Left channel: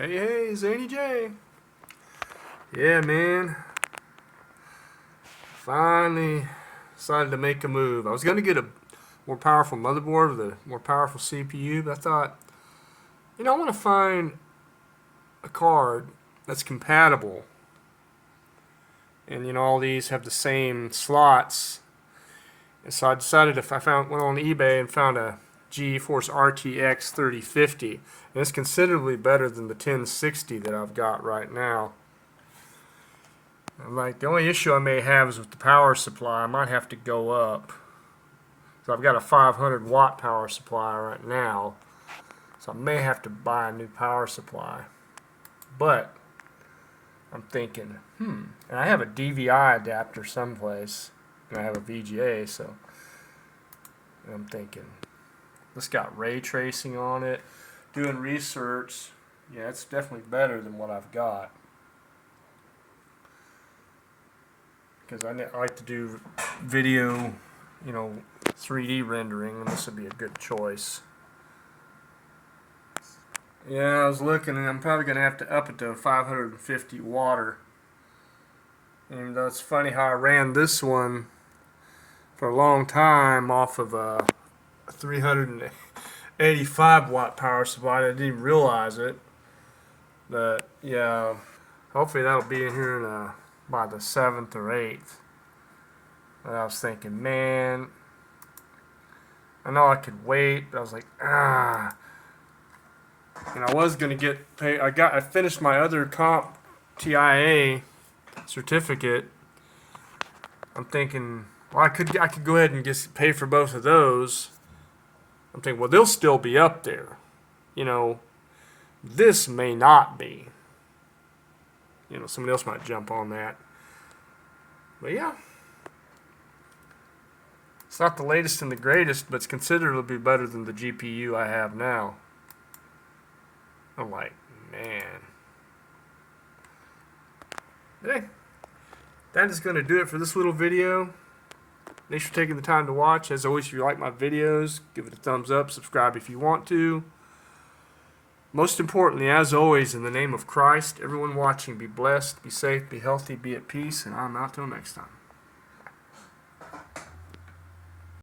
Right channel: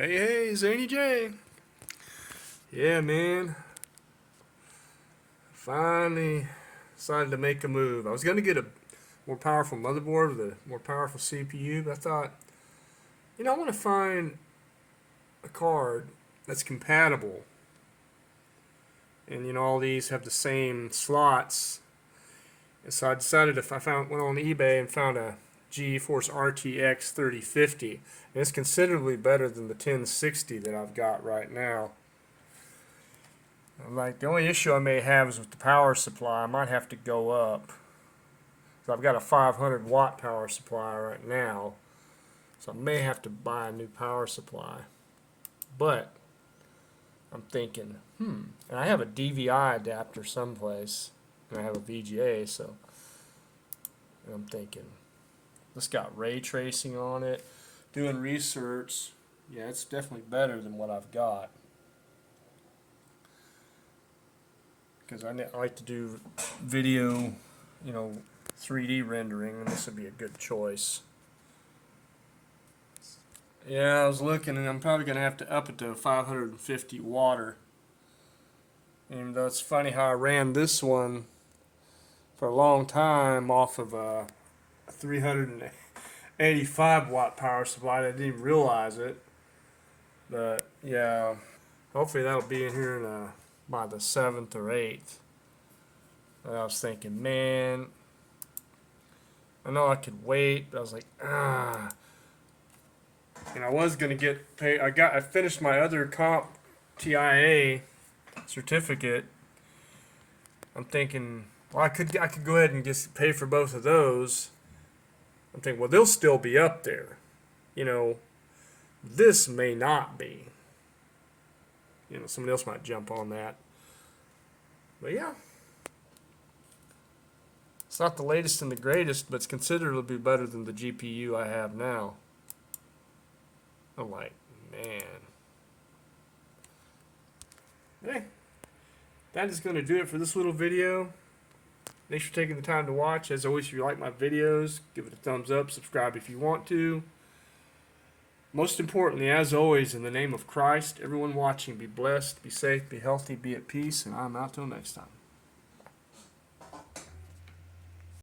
Hey, Zany J. Yeah, man. Finally decided to make a move. I was going to get a more powerful motherboard with a more powerful CPU, but I thought, I want to find a card that's compatible. And, all these have the same slots. And so I decided went on eBay and found a GeForce RTX 3050. And it's considerably better than the 1060 that I've got right now. I'm like, the only issue I may have is with the power supply. I might have to go up. So I've got a 500 watt power supply right now. So I may have to buy a new power supply. But I'm thinking, and I have a DVI adapter someplace. And I have a VGA, so and I'm thinking, this got ray tracing on it. Doing research, yeah, it's definitely better than what I've got. Because I like to do video, 3D rendering, and this would be a good choice. Yeah, I was looking, and I'm probably going to have to up it to 550 water. And it's funny how I ran this one for a long time off of a 385 watt power supply. I didn't even realize it. But yeah, hopefully that'll be in here by the 7th or 8th. And I was thinking, man, I know I could wait, but I was like, And I was gonna get paid. I finished my other comp TIA certificate. I'm thinking, well, I could go ahead and just pay for both of those. I'm thinking, well, they'll still be up there. This may not be. Somebody else might jump on that. But yeah. It's not the latest and the greatest, but it's considerably better than the GPU I have now. I'm like, man. Hey, that is going to do it for this little video. Thanks for taking the time to watch. As always, if you like my videos, give it a thumbs up, subscribe if you want to. Most importantly, as always, in the name of Christ, everyone watching, be blessed, be safe, be healthy, be at peace, and I'm out till next time.